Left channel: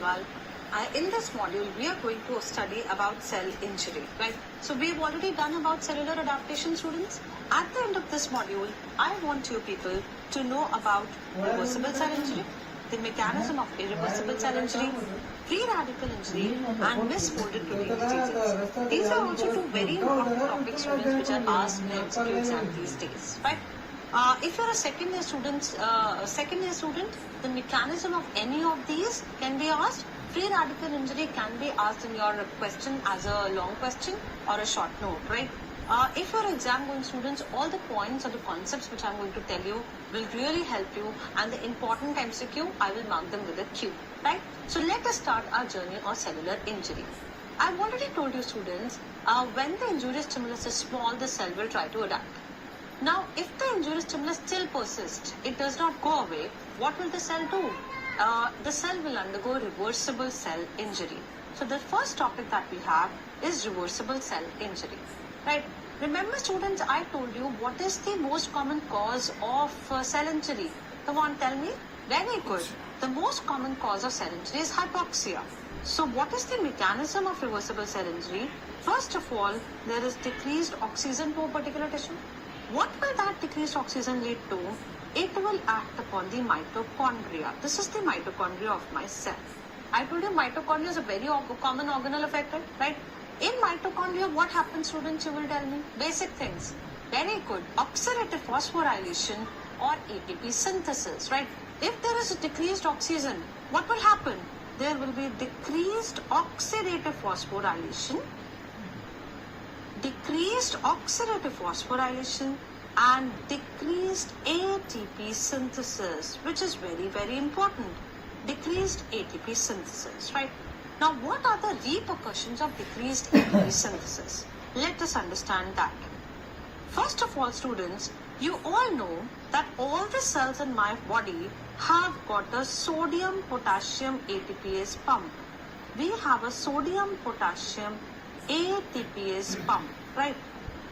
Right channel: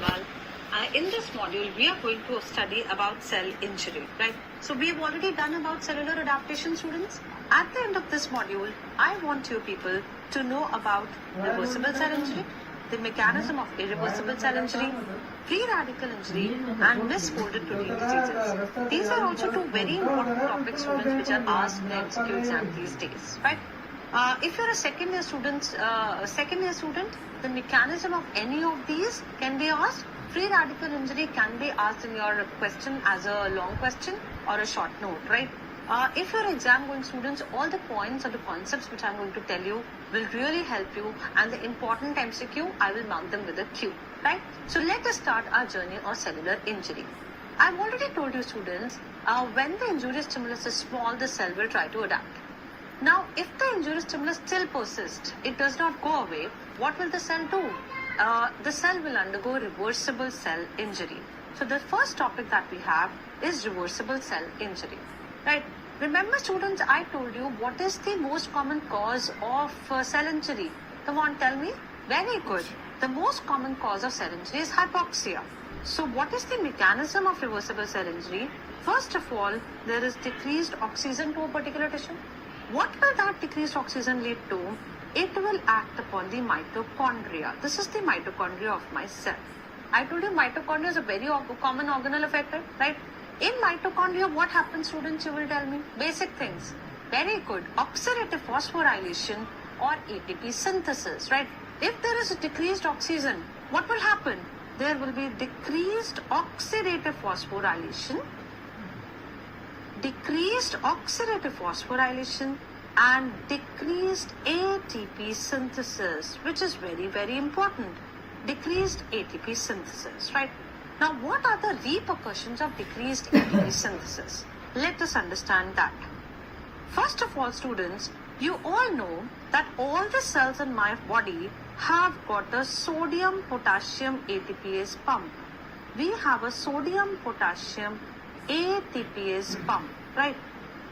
Khandelwal. In this module, we are going to study about cell injury, right? So we've already done about cellular adaptation, students. At the end of this module, I want you people to know about reversible cell injury, the mechanism of irreversible cell injury, free radical injury, and misfolded protein diseases. These are also two very important topics, students, which are asked in the MCQ exam these days, right? If you're a second year student, the mechanism of any of these can be asked. Free radical injury can be asked in your question as a long question or a short note, right? If you're exam going students, all the points or the concepts which I'm going to tell you will really help you, and the important MCQ, I will mark them with a Q, right? So let us start our journey of cellular injury. I've already told you students, when the injurious stimulus is small, the cell will try to adapt. Now, if the injurious stimulus still persists, it does not go away, what will the cell do? The cell will undergo reversible cell injury. So the first topic that we have is reversible cell injury, right? Remember students, I told you what is the most common cause of cell injury. Come on, tell me. Very good. The most common cause of cell injury is hypoxia. So what is the mechanism of reversible cell injury? First of all, there is decreased oxygen to a particular tissue. What will that decreased oxygen lead to? It will act upon the mitochondria. This is the mitochondria of my cell. I told you mitochondria is a very common organelle affected, right? In mitochondria, what happens, students? You will tell me. Basic things. Very good. Oxidative phosphorylation or ATP synthesis, right? If there is a decreased oxygen, what will happen? There will be decreased oxidative phosphorylation, and decreased ATP synthesis, which is very, very important. Decreased ATP synthesis, right? Now, what are the repercussions of decreased ATP synthesis? Let us understand that. First of all, students, you all know that all the cells in my body have got a sodium-potassium ATPase pump. We have a sodium-potassium ATPase pump, right?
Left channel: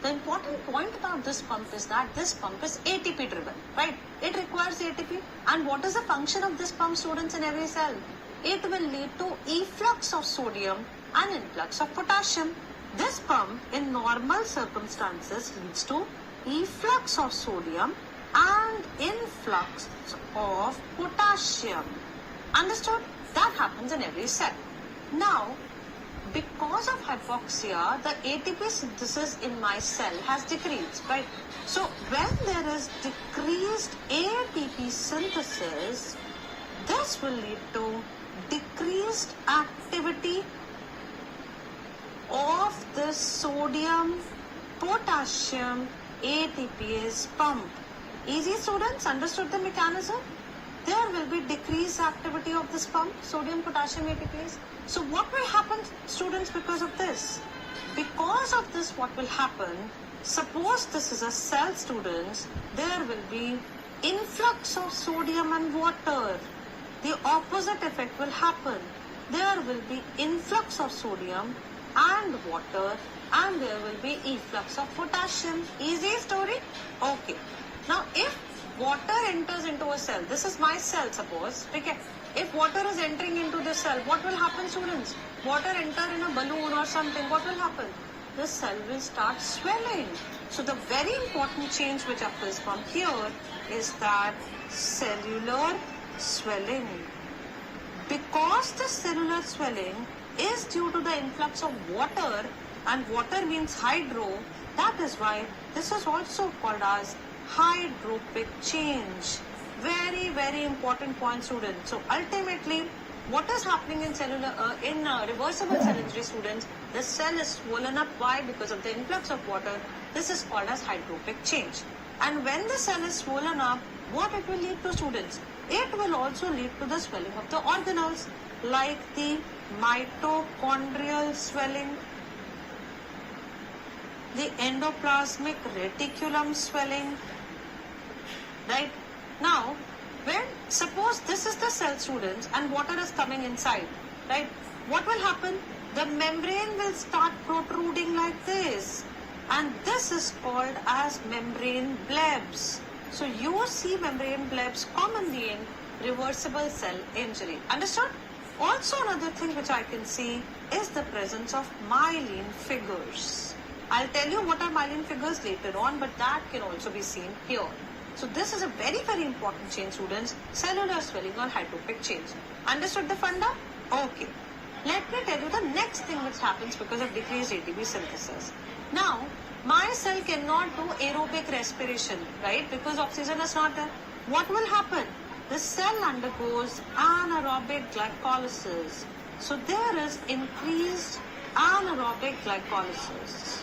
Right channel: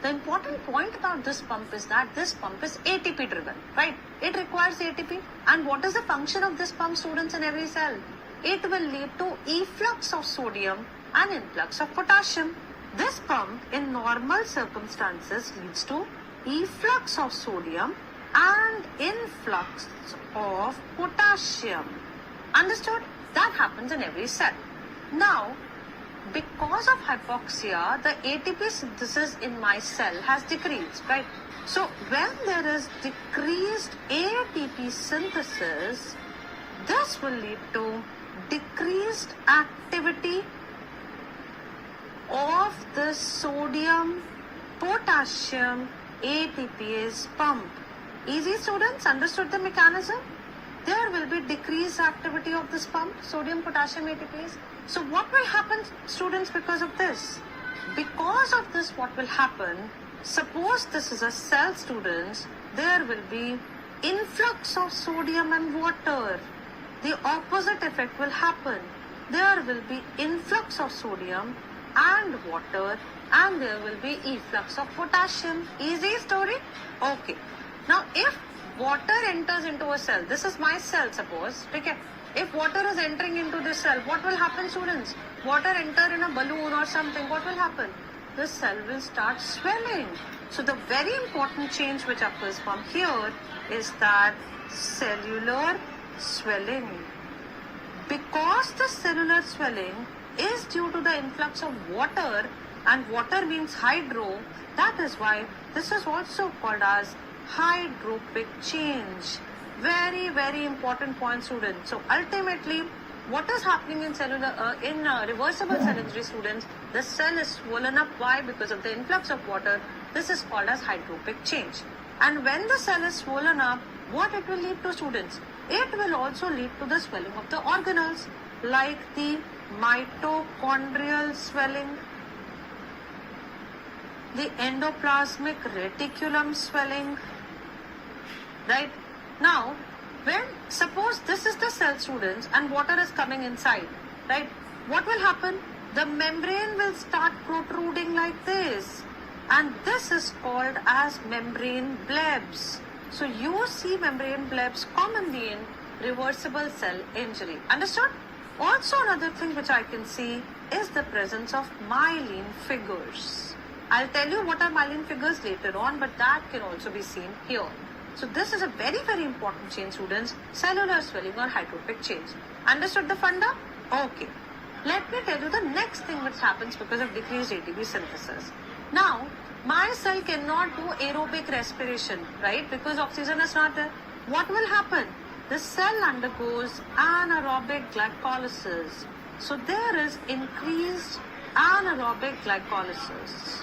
The important point about this pump is that this pump is ATP driven, right? It requires ATP. And what is the function of this pump, students, in every cell? It will lead to efflux of sodium and influx of potassium. This pump in normal circumstances leads to efflux of sodium and influx of potassium. Understood? That happens in every cell. Now, because of hypoxia, the ATP synthesis in my cell has decreased, right? So when there is decreased ATP synthesis, this will lead to decreased activity of the sodium potassium ATPase pump. Easy, students? Understood the mechanism? There will be decreased activity of this pump, sodium potassium ATPase. So what will happen, students, because of this? Because of this, what will happen? Suppose this is a cell, students, there will be influx of sodium and water. The opposite effect will happen. There will be influx of sodium and water, and there will be efflux of potassium. Easy story? Okay. Now, if water enters into a cell, this is my cell, suppose, okay? If water is entering into this cell, what will happen, students? Water enter in a balloon or something, what will happen? The cell will start swelling. So the very important change which occurs from here is that cellular swelling. Because the cellular swelling is due to the influx of water, and water means hydro, that is why this is also called as hydropic change. Very, very important point, students. So ultimately, what is happening in reversible cell injury, students? The cell is swollen up. Why? Because of the influx of water. This is called as hydropic change. And when the cell is swollen up, what it will lead to, students? It will also lead to the swelling of the organelles, like the mitochondrial swelling, the endoplasmic reticulum swelling, right? Now, when suppose this is the cell, students, and water is coming inside, right? What will happen? The membrane will start protruding like this, and this is called as membrane blebs. So you see membrane blebs commonly in reversible cell injury. Understood? Also, another thing which I can see is the presence of myelin figures. I'll tell you what are myelin figures later on, but that can also be seen here. So this is a very, very important change, students, cellular swelling or hydropic change. Understood the funda? Okay. Let me tell you the next thing which happens because of decreased ATP synthesis. Now, my cell cannot do aerobic respiration, right? Because oxygen is not there. What will happen? The cell undergoes anaerobic glycolysis. So there is increased anaerobic glycolysis.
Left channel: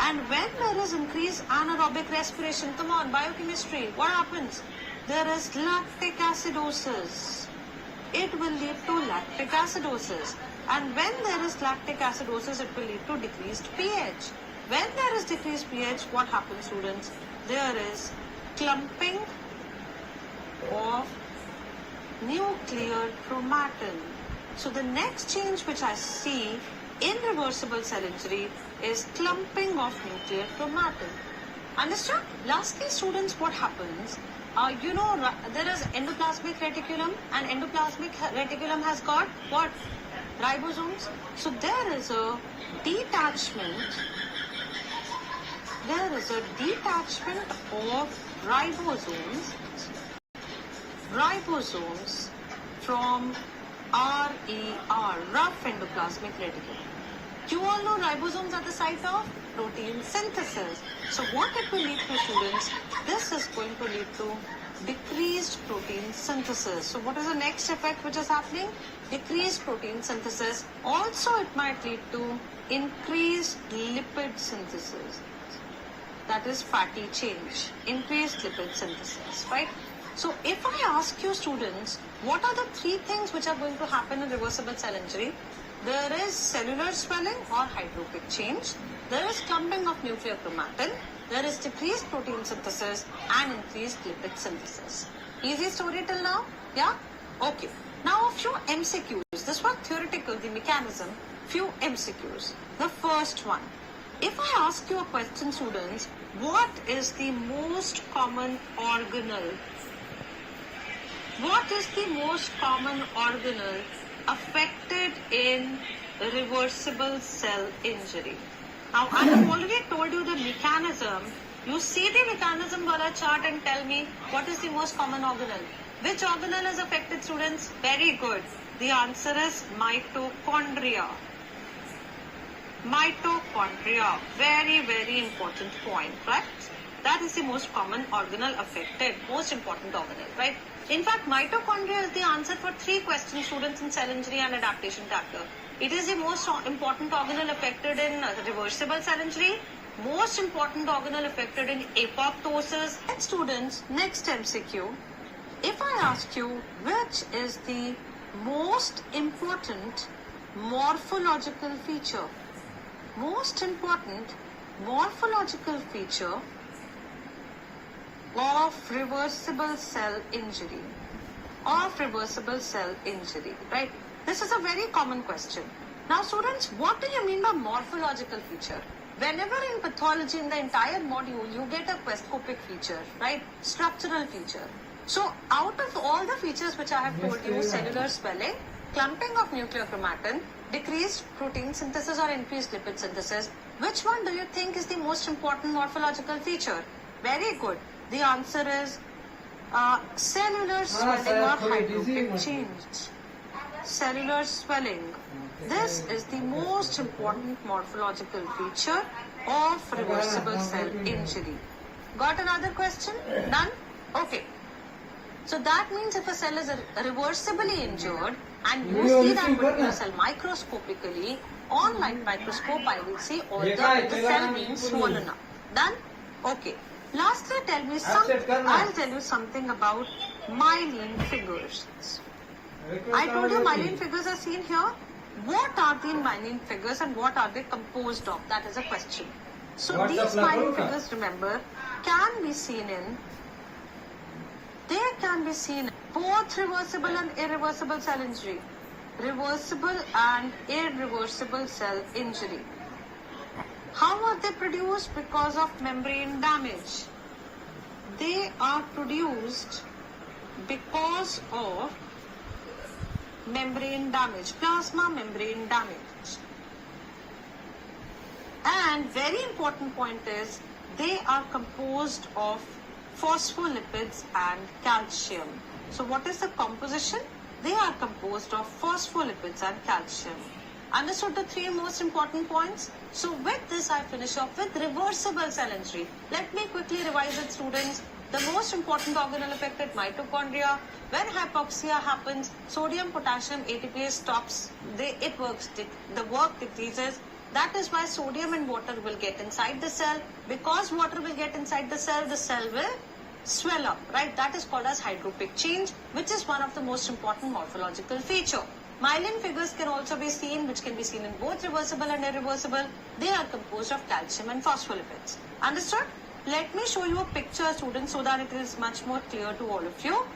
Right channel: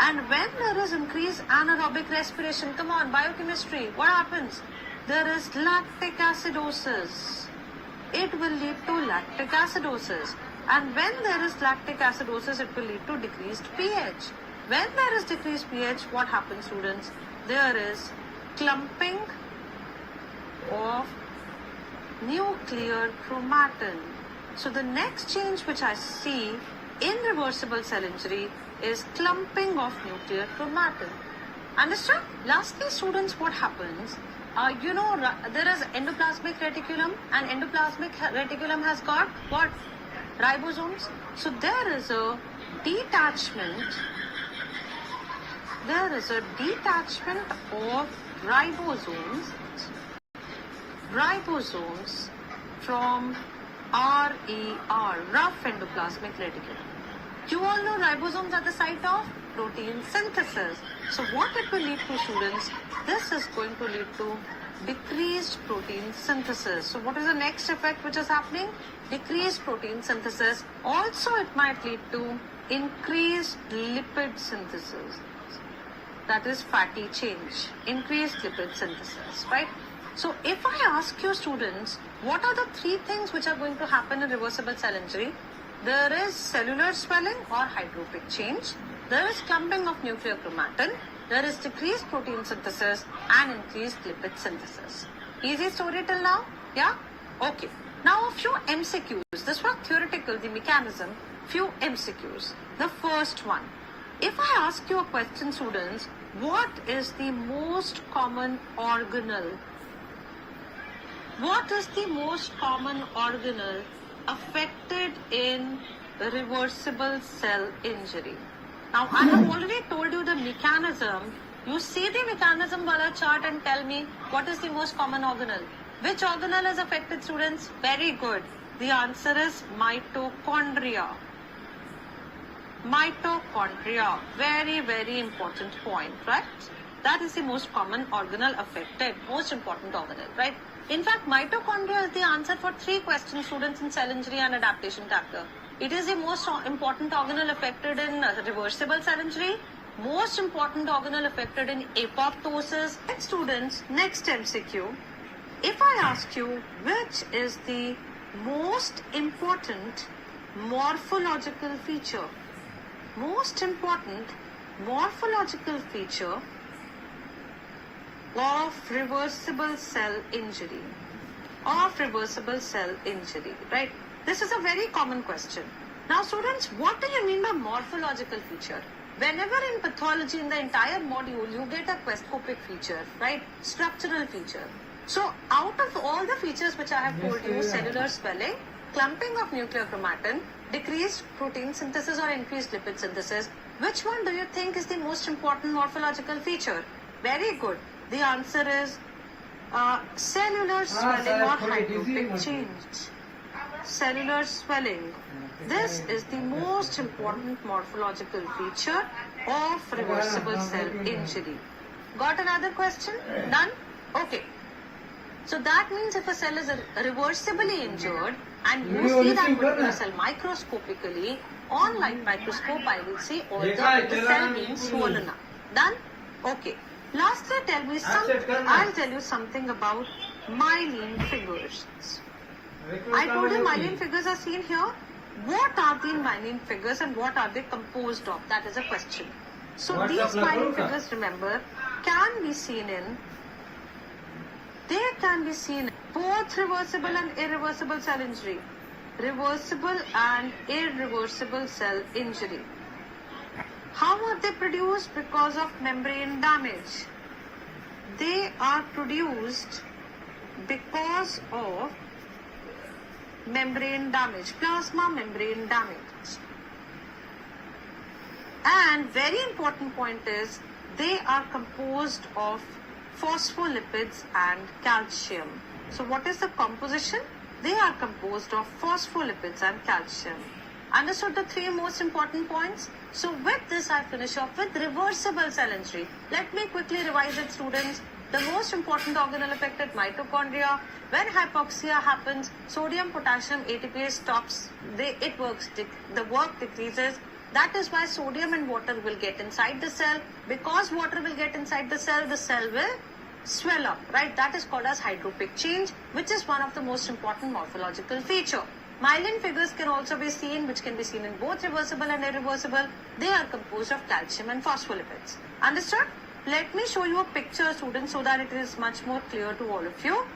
And when there is increased anaerobic respiration, come on, biochemistry, what happens? There is lactic acidosis. It will lead to lactic acidosis. And when there is lactic acidosis, it will lead to decreased pH. When there is decreased pH, what happens, students? There is clumping of nuclear chromatin. So the next change which I see in reversible cell injury is clumping of nuclear chromatin. Understand? Lastly, students, what happens? There is endoplasmic reticulum, and endoplasmic reticulum has got what? Ribosomes. So there is a detachment. There is a detachment of ribosomes from RER, rough endoplasmic reticulum. You all know ribosomes are the site of protein synthesis. So what it will lead to, students? This is going to lead to decreased protein synthesis. So what is the next effect which is happening? Decreased protein synthesis. Also it might lead to increased lipid synthesis. That is fatty change. Increased lipid synthesis, right? So if I ask you, students, what are the three things which are going to happen in reversible cell injury? There is cellular swelling or hydropic change. There is clumping of nuclear chromatin. There is decreased protein synthesis and increased lipid synthesis. Easy story till now? Yeah? Okay. Now a few MCQs. This was theoretical, the mechanism. Few MCQs. The first one. If I ask you a question, students, what is the most common organelle? What is the most common organelle affected in reversible cell injury? Now, I have already told you the mechanism. You see the mechanism wala chart and tell me what is the most common organelle. Which organelle is affected, students? Very good. The answer is mitochondria. Mitochondria. Very, very important point, right? That is the most common organelle affected. Most important organelle, right? In fact, mitochondria is the answer for 3 questions, students, in cell injury and adaptation chapter. It is the most important organelle affected in reversible cell injury, most important organelle affected in apoptosis. And students, next MCQ. If I ask you which is the most important morphological feature, most important morphological feature of reversible cell injury, right? This is a very common question. Now, students, what do you mean by morphological feature? Whenever in pathology, in the entire module, you get a questoscopic feature, right? Structural feature. So, out of all the features which I have told you, cellular swelling, clumping of nuclear chromatin, decreased protein synthesis or increased lipid synthesis, which one do you think is the most important morphological feature? Very good. The answer is cellular swelling or hydropic change. Cellular swelling. This is the most important morphological feature of reversible cell injury. Got another question? Done? Okay. So that means if a cell is reversibly injured and you see that particular cell microscopically, on light microscope I will see all the cell being swollen up. Done? Okay. Lastly, I'll tell you something about myelin figures. I told you myelin figures are seen here. What are the myelin figures and what are they composed of? That is a question. So these myelin figures, remember, can be seen in both reversible and irreversible cell injury. Reversible and irreversible cell injury. How are they produced? Because of membrane damage. They are produced because of membrane damage, plasma membrane damage. And very important point is they are composed of phospholipids and calcium. So what is the composition? They are composed of phospholipids and calcium. Understood the three most important points? So with this I finish off with reversible cell injury. Let me quickly revise it, students. The most important organelle affected, mitochondria. When hypoxia happens, sodium, potassium, ATPase stops. The work decreases. That is why sodium and water will get inside the cell. Because water will get inside the cell will swell up, right? That is called as hydropic change, which is one of the most important morphological feature. Myelin figures can also be seen, which can be seen in both reversible and irreversible. They are composed of calcium and phospholipids. Understood? Let me show you a picture, students, so that it is much more clear to all of you.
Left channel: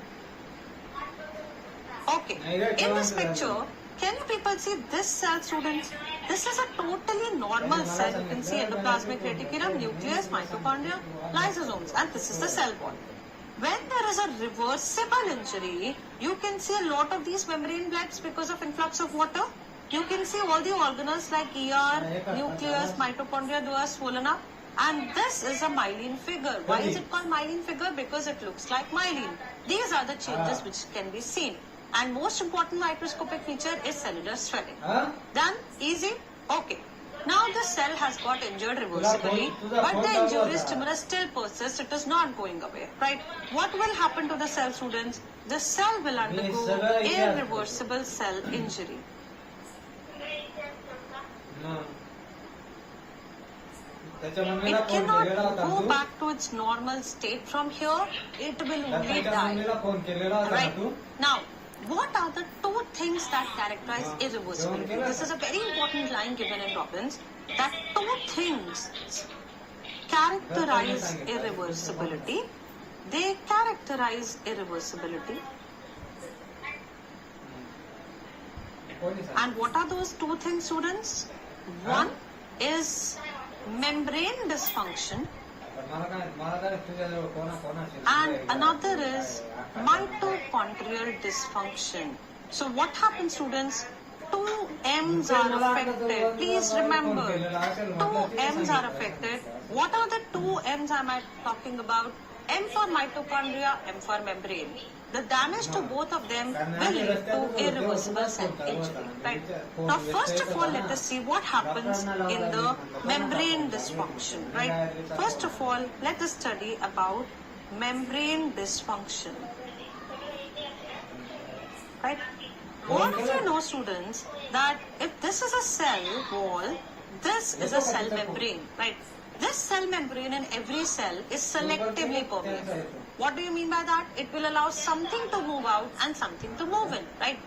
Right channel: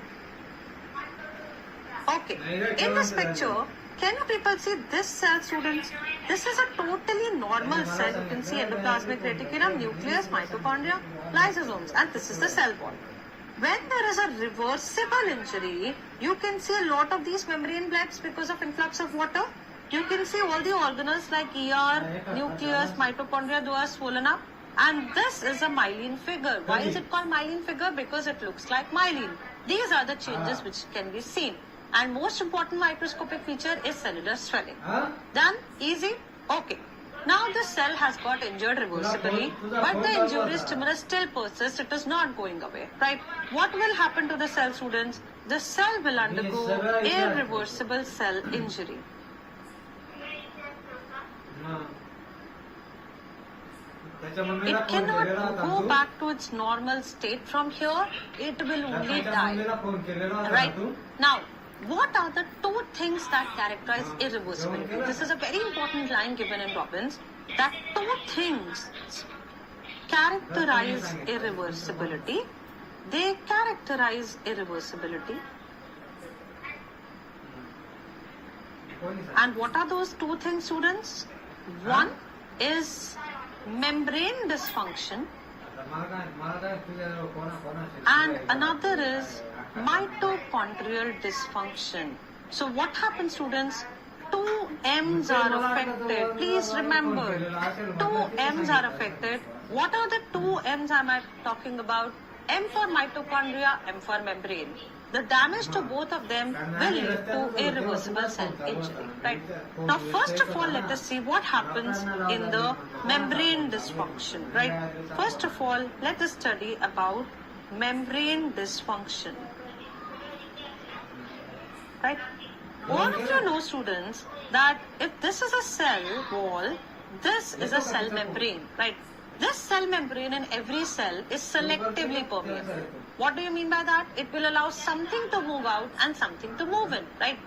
Okay, in this picture, can you people see this cell, students? This is a totally normal cell. You can see endoplasmic reticulum, nucleus, mitochondria, lysosomes, and this is the cell wall. When there is a reversible injury, you can see a lot of these membrane blebs because of influx of water. You can see all the organelles like ER, nucleus, mitochondria, those are swollen up. And this is a myelin figure. Why is it called myelin figure? Because it looks like myelin. These are the changes which can be seen. And most important microscopic feature is cellular swelling. Done? Easy? Okay. Now the cell has got injured reversibly, but the injury stimulus still persists. It is not going away, right? What will happen to the cell, students? The cell will undergo irreversible cell injury. It cannot go back to its normal state from here. It will only die. Right? Now, what are the two things that characterize irreversibility? This is a very important line given in Robbins, that two things characterize irreversibility. They characterize irreversibility. And what are those two things, students? One is membrane dysfunction and another is mitochondrial dysfunction. So what happens, students? Two M's are affected. Please remember, two M's are affected. What are the two M's am I talking about? M for mitochondria, M for membrane. The damage to both of them will lead to irreversible cell injury. Right? Now, first of all, let us see what happens in the membrane dysfunction. Right? First of all, let us study about membrane dysfunction. Right? All of you know, students, that if this is a cell wall, this is a cell membrane. Right? This cell membrane in every cell is selectively permeable. What do you mean by that? It will allow something to move out and something to move in, right?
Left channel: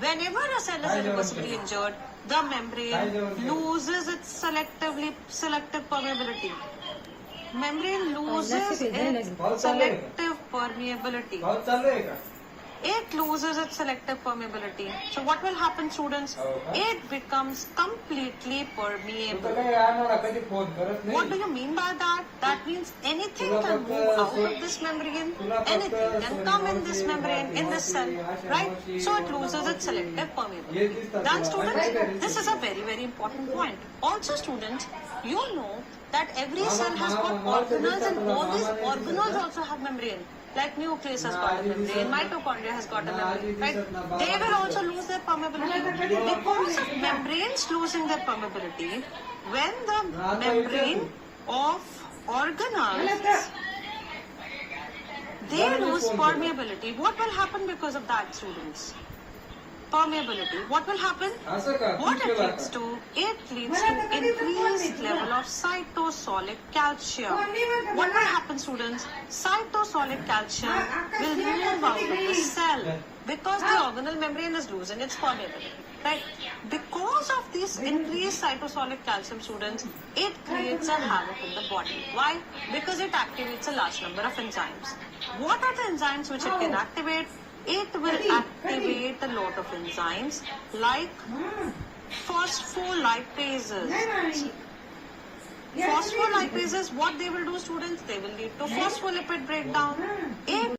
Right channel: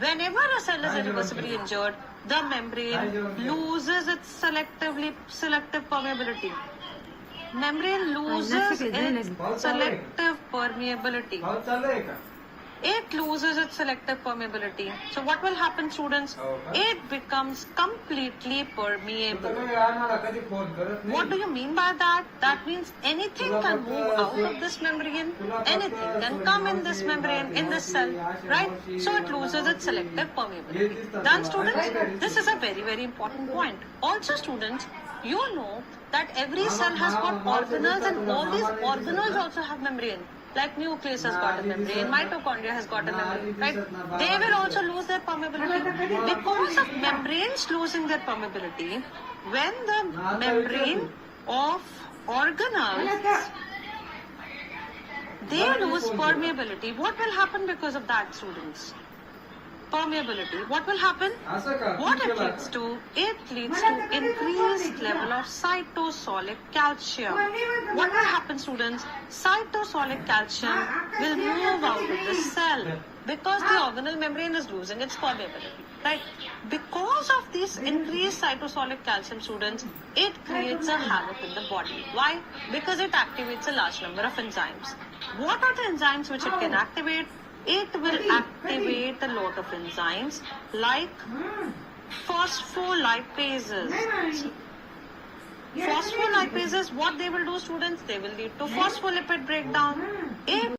Whenever a cell is irreversibly injured, the membrane loses its selective permeability. Membrane loses its selective permeability. It loses its selective permeability. So what will happen, students? It becomes completely permeable. What do you mean by that? That means anything can move out of this membrane, anything can come in this membrane, in this cell, right? So it loses its selective permeability. Done, students? This is a very, very important point. Also, students, you know that every cell has got organelles and all these organelles also have membrane. Like nucleus has got a membrane, mitochondria has got a membrane, right? They will also lose their permeability. Because of membranes losing their permeability, when the membrane of organelles, they lose permeability, what will happen because of that, students? Permeability. What will happen? What it leads to? It leads to increased level of cytosolic calcium. What will happen, students? Cytosolic calcium will move out of the cell because the organelle membrane is losing its permeability. Right? Because of this increased cytosolic calcium, students, it creates a havoc in the body. Why? Because it activates a large number of enzymes. What are the enzymes which it can activate? It will activate a lot of enzymes like phospholipases. Phospholipases, what they will do, students? They will lead to phospholipid breakdown. It